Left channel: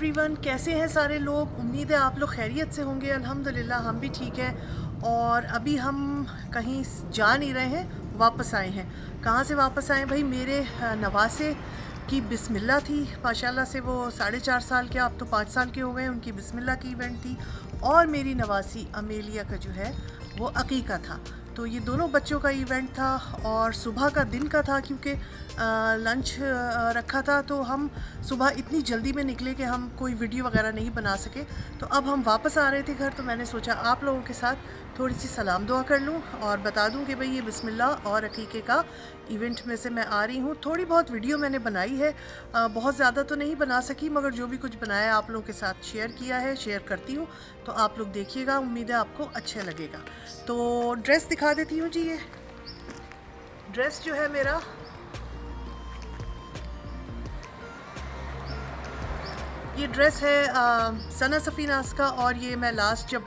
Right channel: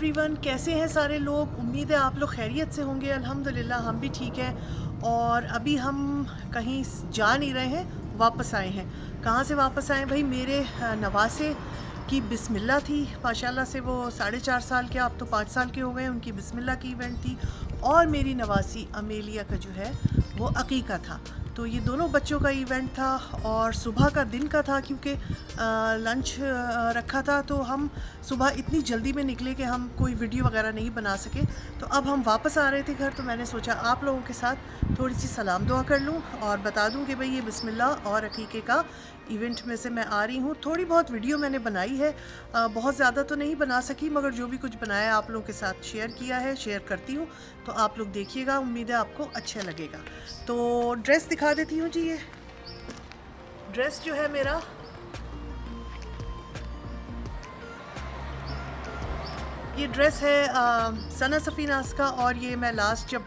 Everyone, कैसे हैं सारे लोग। उम्मीद है आप लोग खैरियत से होंगे। अल्हम्दुलिल्लाह हम भी ठीक हैं। और अभी हम कहीं जा नहीं रहे हैं, वापस आए हैं। कहाँ से वापस आए भाई? मेरे नवासे की बिस्मिल्लाह थी माशाल्लाह से। वो 4.5 साल के, अब तो 5 साल के हो गए। उनकी बिस्मिल्लाह की इवेंट थी। और मेरी नवासी अमेलिया का जो है वो अकीका था। तो ये दोनों बच्चों का इवेंट था और सुबह का दिन का था, क्योंकि लंच रखा था। तो हम सुबह इतनी जल्दी में निकले कि हम कोई वीडियो वगैरह नहीं बना सके। तो अब हम वापस आ रहे थे घर, तो मैंने सोचा आप लोगों के साथ थोड़ी सी सलाम दुआ कर लूँ और बता दूँ कि भाई ये बिस्मिल्लाह और अकीके का इवेंट में से मैं आ रही हूँ। थोड़ी बहुत वीडियो मैंने बनाई है, बहुत ज़्यादा तो नहीं बना सकी, मगर जो भी कुछ बनाया आप लोगों के साथ शेयर किया है, शेयर करती हूँ। तो आप लोग देखिएगा, उम्मीद है आपको अच्छा लगेगा। तो ड्रेस दिखा देती हूँ जी। ये ड्रेस जो है मेरा, ये ड्रेस है सना सफ़ीनास का। और ये मैं लास्ट जब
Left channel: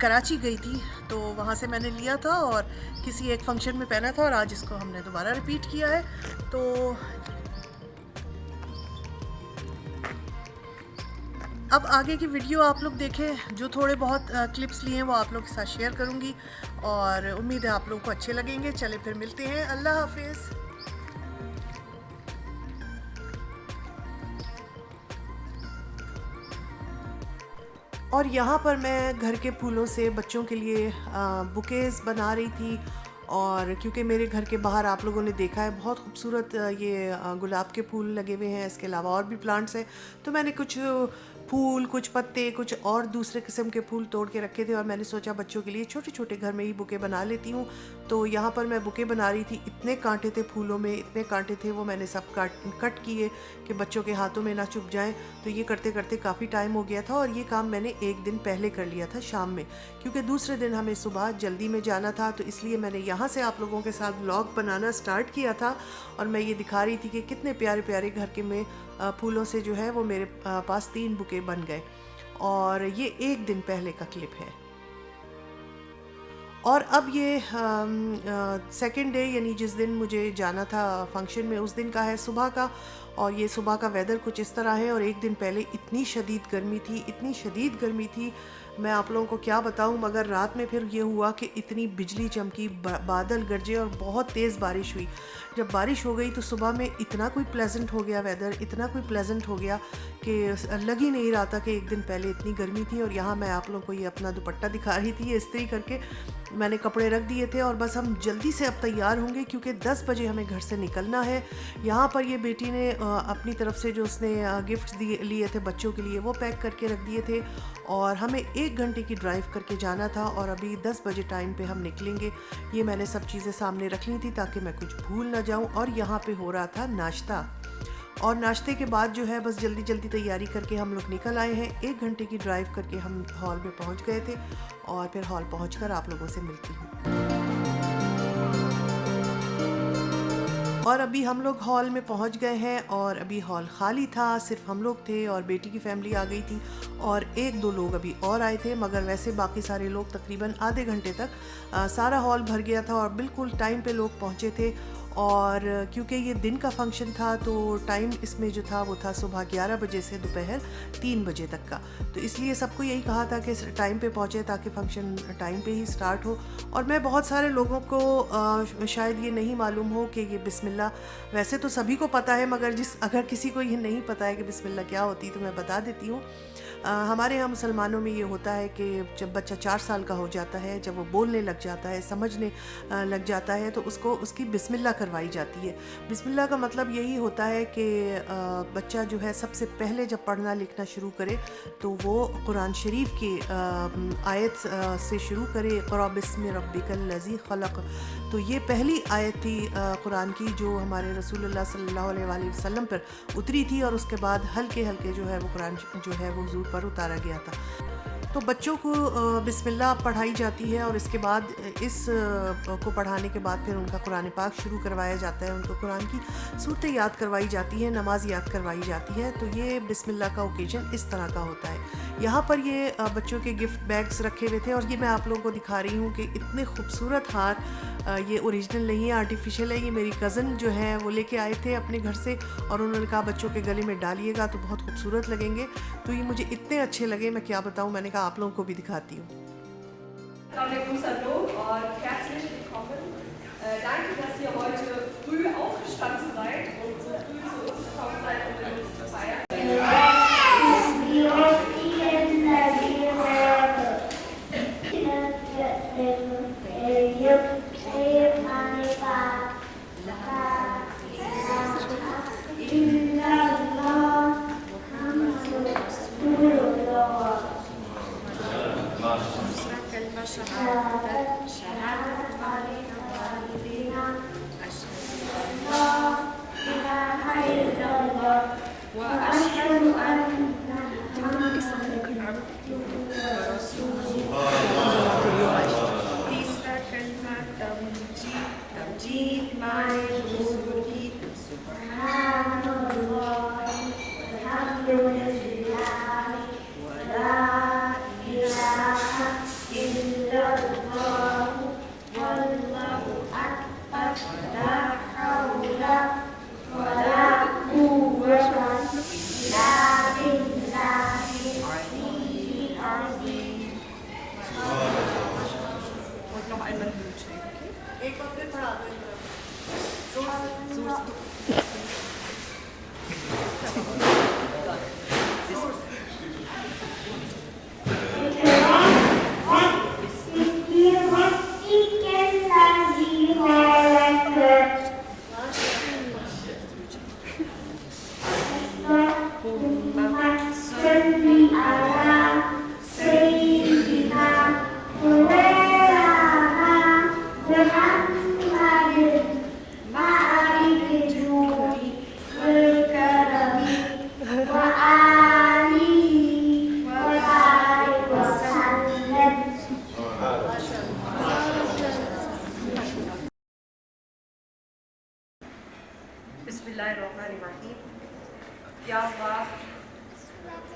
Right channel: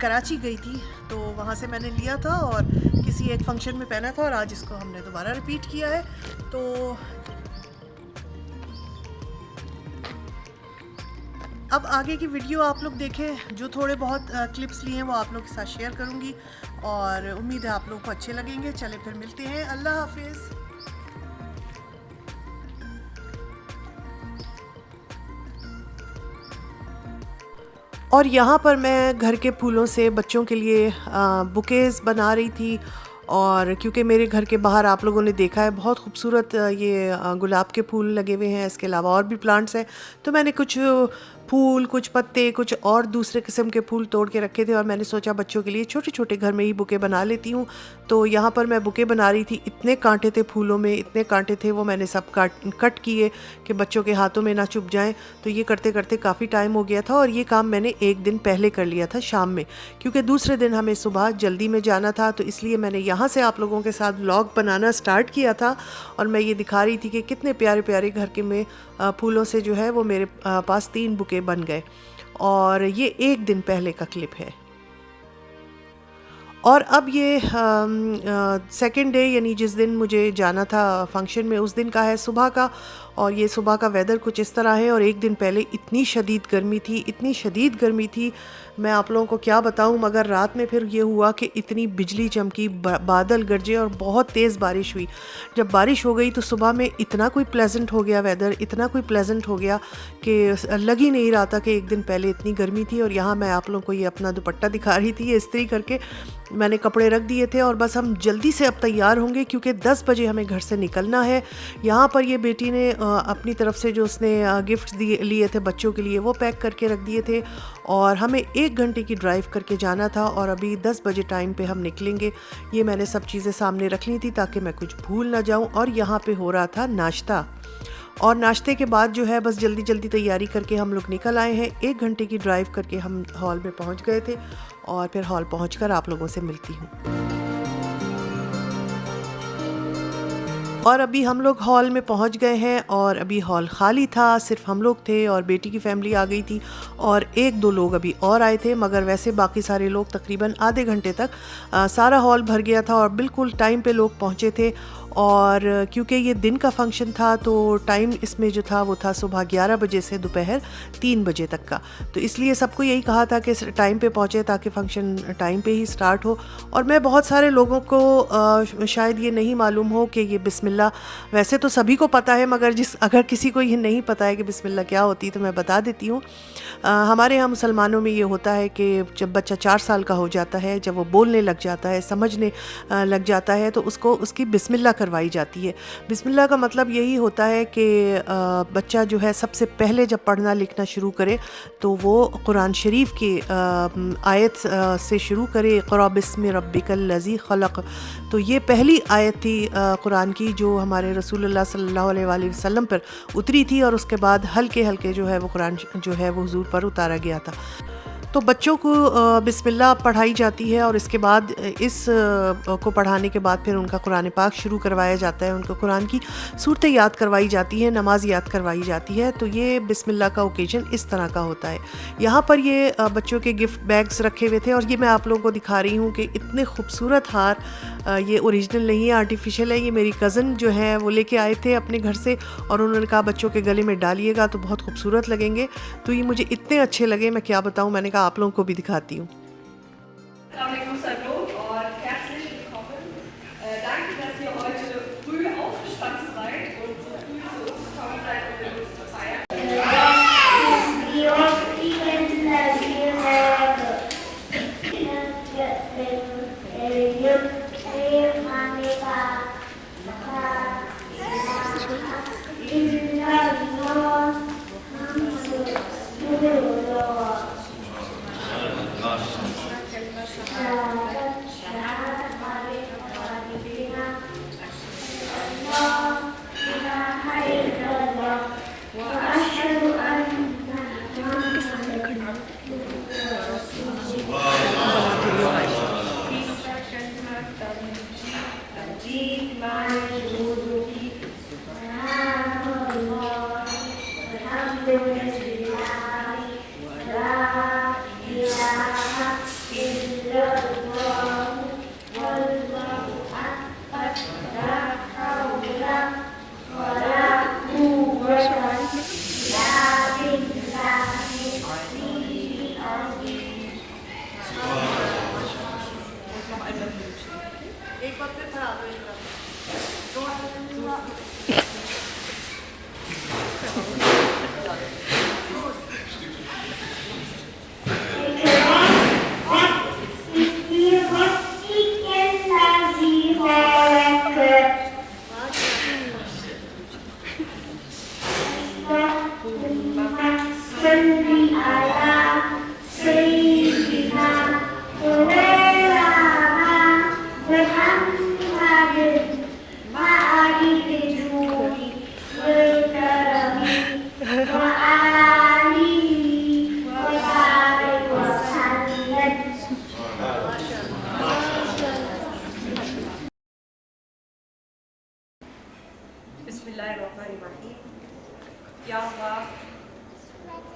कराची गई थी तो वहाँ से मैंने लिया था और किसी एक फंक्शन में पहना था, और आज इसको हमने दोबारा रिपीट किया है। तो अब आगे की वीडियो आप लोग देखें। जो थोड़े बहुत क्लिप्स लिए हैं वो आप लोग के साथ शेयर करूँगी और उम्मीद है आप लोगों को अच्छे लगेंगे। चले फिर मिलते हैं, अल्लाह हाफिज़। और यहाँ पर मैं घर के फूलों से बच्चों के लिए बुकेज़ बना रही थी। और क्योंकि मेरे घर के बाहर आप लोगों ने देखा है बहुत खूबसूरत ये गुलाब के फूल लगे हुए हैं, इसके अलावा और भी प्लांट्स हैं। तो मैंने कुछ फूल, कुछ पत्ते, कुछ और दूसरे किस्म के फूल तोड़ के रखे थे और मैंने सोचा बच्चों के लिए छोटे छोटे घर में ही बुके बना लेती हूँ। तो यहाँ पर मैं बुके बना रही थी। इतने कांटे थे फूलों में, इतने कांटे थे, वो मैंने सब कट किए कि बच्चों के हाथों में ना चुभ जाएं। तो ये करते करते काफ़ी टाइम हो गया था और ये काम मैंने एक दिन पहले कर लिया था शाम में, क्योंकि दूसरे दिन हमें सुबह जल्दी में जाना था। तो इसलिए मैंने यहाँ से आप लोगों के साथ व्लॉग बनाना स्टार्ट किया था और मैं ये दिखा रही थी कि कितने प्यारे प्यारे घर के में फूलों से जो है वो मेरे पास 3 बुके बन गए। और ये एक दिन पहले का क्लिप है। और अब ये सेकंड डे, यानी जिस दिन मुझे जाना था फंक्शन में, उस दिन का है, सुबह का। और ये सुबह का वेदर कुछ इस तरह है। और एक दिन पहले इतनी शदीद गर्मी थी, इतनी शदीद गर्मी थी, मैं आप लोगों को क्या बताऊं। मगर रात में फिर ये हुआ कि इतनी बिजली चमकी, बादल गरजे और बहुत तेज़ बारिश हुई। जब बारिश हो गई तो सुबह में इतना कोई प्लेजेंट हो गया वेदर, इतना कोई प्लेजेंट हो गया कि लग ही नहीं रहा था कि एक दिन पहले इतनी गर्मी थी। और यहाँ मैं आप लोगों को ये अपना दुपट्टा दिखा रही थी, ये इस्त्री करके मैंने कपड़े रख दिए थे और बस हम जल्दी से अब तैयार होंगे क्योंकि 10 बजे हमें घर से निकलना है। यहाँ पर ये बेटी ने अपनी तरफ से जो उसने गिफ्ट लिए थे बच्चों के लिए, वो पैक करके रख दिए थे। और हमें 1 घंटे की ड्राइव करके जाना था और अभी 10 बजे टाइम पे हम निकलेंगे। ये मैंने सब चीज़ें सामने रख ली थी ताकि मैं कुछ भूल ना जाऊँ। और यहाँ पे हो रहा था नाश्ता, और नाश्ते के बाद जो है बस जल्दी जल्दी तैयारी करके हम लोग निकल आए हैं। 1 घंटे की ड्राइव करके हम हॉल में पहुंच गए थे और फिर हॉल पहुंचकर आप लोगों से मिलती हूँ। और अभी हम लोग हॉल में पहुंच गए हैं और अभी हॉल खाली था, सिर्फ हम लोग थे और बेटी की फैमिली आ गई थी और 1-2 लोग अभी और आए थे। मगर वैसे बाकी सारे लोग तकरीबन आधे घंटे तक सारा हॉल भर गया था और बिल्कुल टाइम पे लोग पहुंचे थे। और क्योंकि ये दिन का फंक्शन था तो टाइम इसमें जो था वो था सुबह 11 बजे से दोपहर 3 बजे तक का। तो इसलिए सबको यही कहा था कि टाइम पे पहुँचे ताकि फ़ंक्शन टाइम पे ही स्टार्ट हो। और मैं बहुत सारे लोगों को शायद ये नहीं मालूम हो कि ये बिस्मिल्लाह, वैसे तो सभी को पता है, मगर अगर किसी को ये नहीं पता है कि बिस्मिल्लाह क्या होती है तो मैं बता देती हूँ। हमारे यहाँ मुसलमानों में ये होता है कि जब बच्चा 4 साल का हो जाता है, जब वो बोलने लग जाता है, समझने लग जाता है, तो उसको उसकी बिस्मिल्लाह करवाई जाती है। बिस्मिल्लाह का मतलब यही होता है कि बच्चा जो है सबसे पहले जब पढ़ना लिखना शुरू करे तो वो कुरान शरीफ की आयत से शुरू करे, इक़रा बिस्मि रब्बिकल लज़ी खलक़। तो ये पहली आयत थी कुरान की जो हमारे रसूलुल्लाह सल्लल्लाहु अलैहि वसल्लम पर उतरी थी और उसके बाद हल्के हल्के जो है वो कुरान जो है वो हुज़ूर पर उतारा गया था। तो बच्चों को बिस्मिल्लाह पढ़ाई जाती है और इसके बाद को पढ़ाने के बाद फिर उनका कुरान पाक शुरू करवाया जाता है, उनको कुरान की सूरतें याद करवाई जाती है, नमाज याद करवाई जाती है। तो ये बिस्मिल्लाह का ओकेजन इस तरह का होता है। यहाँ पर ये बच्चों के गिफ्ट बैग्स रखे हुए थे और ये मैं आप लोगों को दिखा रही हूँ कि इतने खूबसूरत हार, ये ओरिजिनल नहीं है, आर्टिफिशियल है। ये मेरी कज़न जो है वो लेके आए थे अपने घर से और उन्होंने कहा बच्चों के गले में डालिएगा तो बहुत खूबसूरत लगेंगे। तो ये मुझे इतने अच्छे लगे, मैं क्या बताऊँ, मैंने कहा आप लोगों को भी दिखाती हूँ।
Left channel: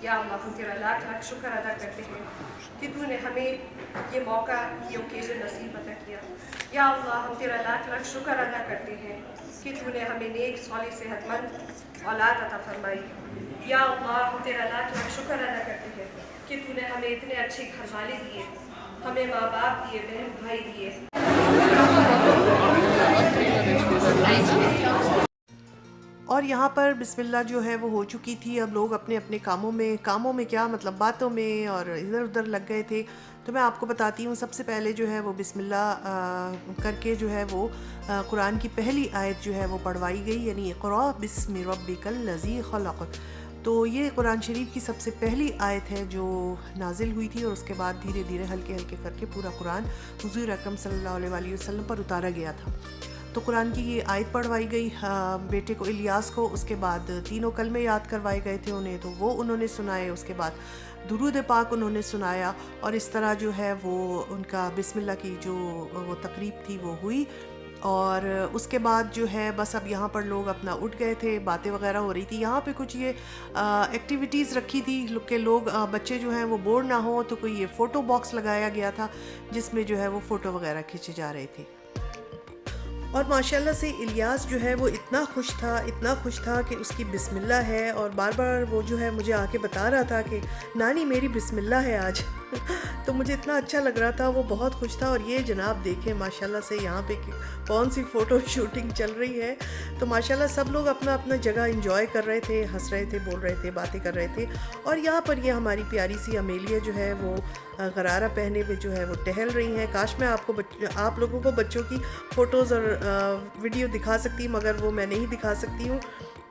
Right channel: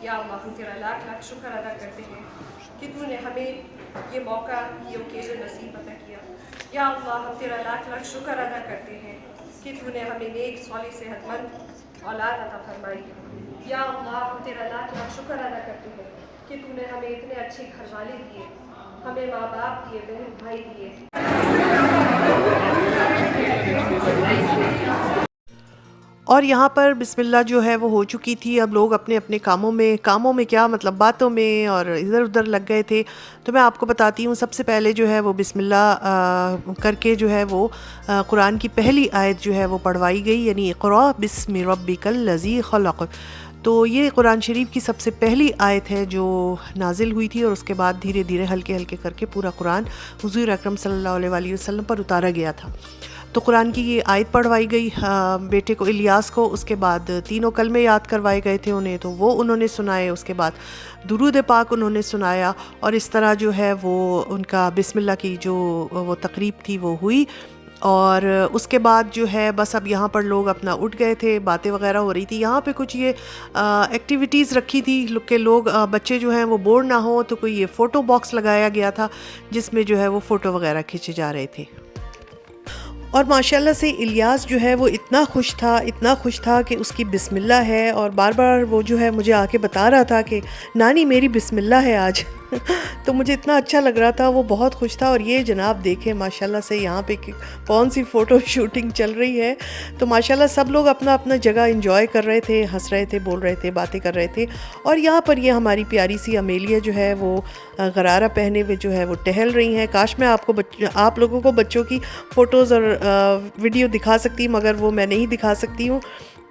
या अल्लाह, हम तेरा लाख लाख शुक्र अदा करते हैं कि तूने हमें ये मौका, ये ओकेजन नसीब अता किया। या अल्लाह, हम तेरा लाख लाख शुक्र अदा करते हैं कि तूने हमें नेक सौलिह सेहतमंद औलाद अता फरमाई। या अल्लाह, हम तेरा लाख लाख शुक्र अदा करते हैं कि तूने हमें इतने अच्छे घर वाले दिए, हमें माँ बाप दिए, बहन भाई दिए। और यहाँ पर बिस्मिल्लाह जो है वो हो चुकी थी। अब लोग अपने अपने कामों में क्या मतलब बातों में और इधर उधर लग गए थे। तो मैं आपको बताती हूँ, सबसे पहले जो है वो बिस्मिल्लाह करके जो है वो कुरान की पहली आयत जो है वो पढ़वाई गई, यानी इक़रा बिस्मि रब्बिकल लज़ी खलक़। तो ये कुरान शरीफ की सबसे पहली आयत है जो नाजिल हुई थी और उसके बाद धीरे धीरे हल्के हल्के करके पूरा कुरान हुज़ूर अकरम सल्लल्लाहु अलैहि वसल्लम पर उतारा गया था। तो कुरान की ये आयत पढ़वाई गई बेटे को, इलियास को। उसके बाद तीनों कलमे याद करवाए गए थे उन्हें, तो वो उन्होंने सुनाए। उसके बाद दुरूद पाक उन्होंने सुनाया और इस तरह जो है वो उनका बिस्मिल्लाह की जो वो तकरीब थी वो हुई। और उसके बाद जो है बस अब यहाँ पर लोग अपना उठ गए थे, बातें वगैरह हो रही थी। यहाँ पे कुछ ये एक्टिविटीज़ रखी थी कि लोग बच्चे जो हैं वो बोर ना हो, तो कोई ये फ़ोटो बॉक्स लगाया गया था जिसमें जो है वो फ़ोटो वगैरह खींचे जा रहे थे। और माशाल्लाह से इलियास जो है वो इतना खुश था कि उसकी बिस्मिल्लाह है और बार बार वो जो है मुझे आके बता रहा था कि नानी मेरी बिस्मिल्लाह है आज। तो मुझे इतना अच्छा लग रहा था, वो बहुत खुश था। और ये जनाब देखें माशाल्लाह से यहाँ पे कौन सी फ़ोटो शूटिंग चल रही है। तो माशाल्लाह सब लोग अपना अपना जगह एंजॉय कर रहे थे, हंस रहे थे, बोल रहे थे, बातें कर रहे थे। और यहाँ पर ये हमारी प्यारी सी अमेलिया जो है वो गरारा पहने हुए जो है वो टहल रही हैं। काश मैं आप लोगों को बच्चों की फ़ोटोज़ और वीडियो दिखा सकती, मगर वो मैं नहीं दिखा सकती हूँ।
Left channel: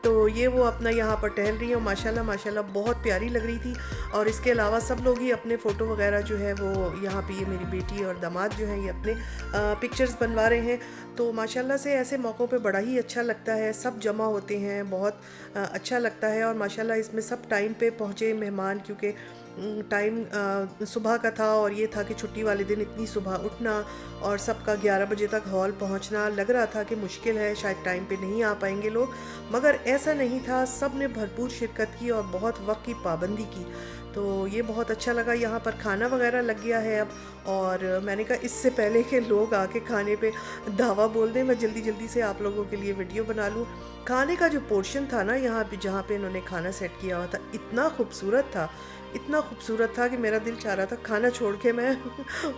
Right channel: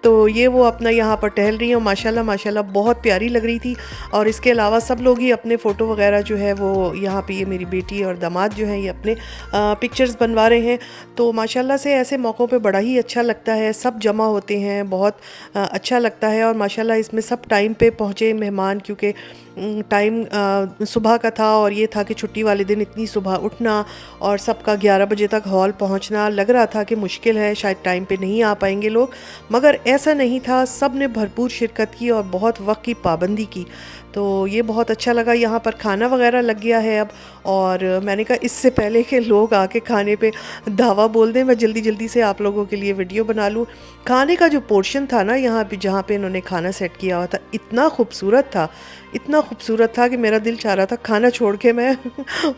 तो ये वो अपना यहाँ पर टहल रही हैं और माशाल्लाह बहुत प्यारी लग रही थी। और इसके अलावा सब लोग ही अपने फ़ोटो वगैरह जो है वो यहाँ पे, ये मेरी बेटी और दामाद जो है ये अपने पिक्चर्स बनवा रहे हैं। तो माशाल्लाह से ऐसे मौक़ों पे बड़ा ही अच्छा लगता है, सब जमा होते हैं, बहुत अच्छा लगता है। और माशाल्लाह इसमें सब टाइम पे पहुँचे मेहमान, क्योंकि टाइम सुबह का था और ये था कि छुट्टी वाले दिन इतनी सुबह उठना और सबका 11 बजे तक हॉल पहुंचना, लग रहा था कि मुश्किल है, शायद टाइम पे नहीं आ पाएंगे लोग, मगर ऐसा नहीं था। सब ने भरपूर शिरकत की और बहुत वक्त की पाबंदी की, तो ये बहुत अच्छा लगा। यहाँ पर खाना वगैरह लग गया है अब, और मैंने कहा इससे पहले कि लोग आके खाने पे धावा बोल दें, मैं जल्दी जल्दी से आप लोगों के लिए वीडियो बना लूँ। खाने का जो पोर्शन था ना यहाँ पे, जहाँ पे इन्होंने खाना सेट किया हुआ था, इतना खूबसूरत था, इतना खूबसूरत था कि मेरा दिल चाह रहा था खाना छोड़ के मैं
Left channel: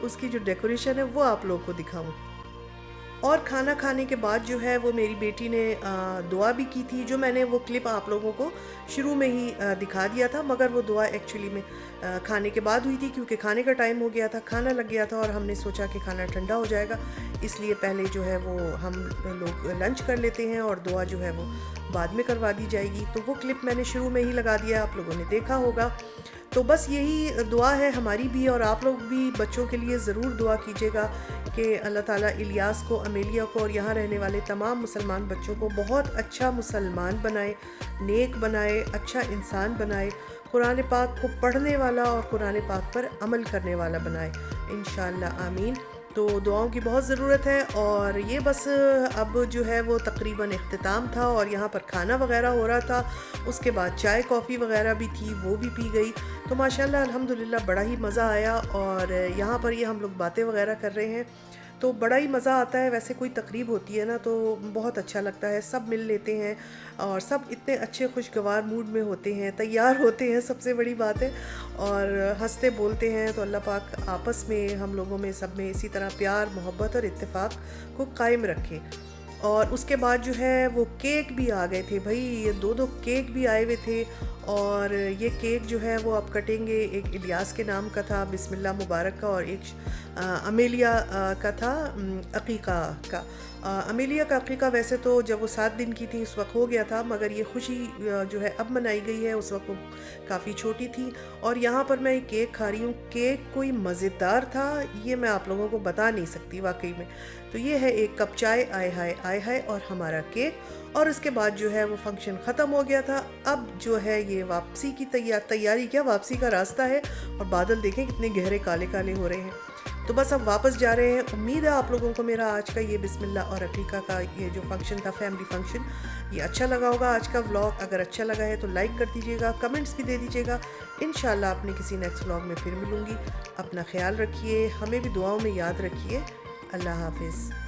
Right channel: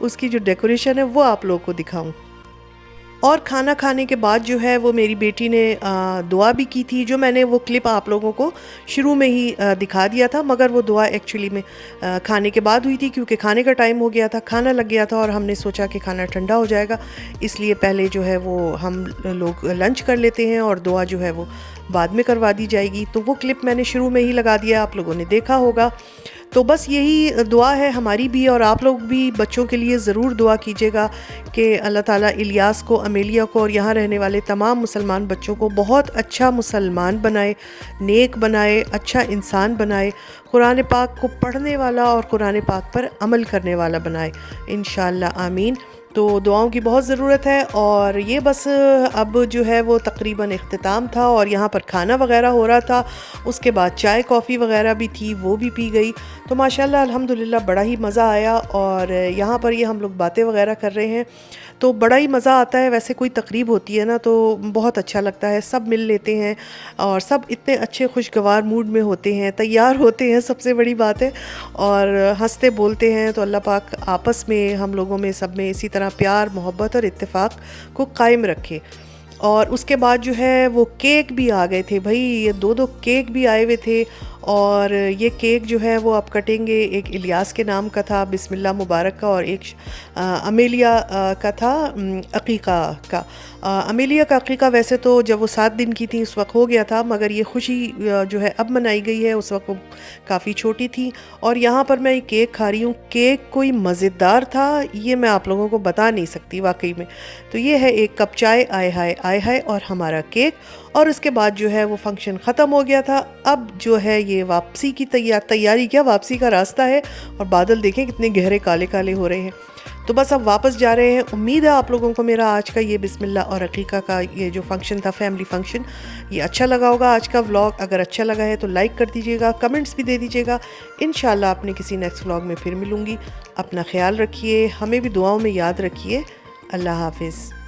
उसकी जो डेकोरेशन है वो आप लोगों को दिखाऊं। और खाना खाने के बाद जो है वो मेरी बेटी ने दुआ भी की थी, जो मैंने वो क्लिप आप लोगों को शुरू में ही दिखा दिया था, मगर वो दुआ एक्चुअली में खाने के बाद हुई थी, क्योंकि खाने का टाइम हो गया था, खाना लग गया था और हमने सोचा कि खाना ठंडा हो जाएगा, इसलिए पहले जो है वो हम लोग लंच कर लेते हैं और दुआ जो है वो बाद में करवा दी जाएगी। तो वो क्लिप मैंने शुरू में ही लगा दिया, आप लोगों ने देखा होगा। तो बस यही दुआ है हमारी भी, और आप लोग भी बच्चों के लिए ज़रूर दुआ कीजिएगा कि अल्लाह ताला इलियास को, अमेलिया को और यहाँ रहने वाले तमाम मुसलमान बच्चों को बहुत अच्छा मुसलमान बनाए, नेक बनाए, अच्छा इंसान बनाए, कुरान पाक को पढ़ने वाला और कुरान पाक पर अमल करने वाला बनाए, इंशाअल्लाह आमीन। तो दुआओं की बहुत ज़रूरत है। और ये बस अब जो है वो तकरीबन इख्तिताम था और यहाँ पर खाना वगैरह हो रहा था, उसके बाद चाय कॉफ़ी वगैरह भी थी, वो भी पी गई। तो माशाल्लाह अल्हम्दुलिल्लाह बड़ा ही मज़ा आया। और यहाँ पर ये हम लोग बातें वगैरह कर रहे हैं, तो बड़ा ही मज़ा आता है। वैसे कोई तकरीब होती है ना तो बहुत अच्छा लगता है, सब मिल लेते हैं और सब इतने अच्छे खुशगवार मूड में होते हैं, तैयार होते हैं, सबसे बड़ी बात है, और हंसते बोलते हैं। तो अल्लाह पाक आपस में हम लोगों में सब में इसी तरह प्यार, मोहब्बत और इत्तेफाक को कायम रखे। और उसके बाद जो है वो केक भी आ गए थे भाई, ये दो केक भी आए हुए थे। और ये केक जो है वो आप कटेंगे, एक इलियास के नाम का था, बिस्मिल्लाह मुबारक का, और एक अमेलिया का था, अकीका का। अमेलिया का अकीका वैसे तो जब वो 7 दिन की थी उस वक्त हो गया था, मगर ये खुशी जो है अब मनाई गई है, उस वक्त वो काफ़ी छोटी थी। और यहाँ पर मैं ये केक खा रही हूँ, केक कोई मज़ेदार था, ये मैं आप लोगों को बता नहीं सकती वाकई में। तो ये है एक कप चाय, आय हाय आय हाय, और हमारा केक। और उसके बाद जो है वो फंक्शन ख़त्म हो गया था। अब जो है ये वापसी की तैयारी क्या, वापसी का रास्ता है। और बादल देखें कितने गहरे काले काले हो रहे हैं। तो बस अब वापस जा रहे हैं। उम्मीद है आप लोगों को मेरा आज का ये बिस्मिल्लाह और अकीका का ये जो फंक्शन था, फैमिली फंक्शन, ये अच्छा लगा होगा आज का व्लॉग। अगर अच्छा लगा है तो लाइक कर दीजिएगा, कमेंट्स भी दे दीजिएगा। इंशाल्लाह अपने किसी नेक्स्ट व्लॉग में फिर मिलूँगी। अपना ख्याल रखिए, हमें भी दुआओं में याद रखिए। अल्लाह हाफिज़।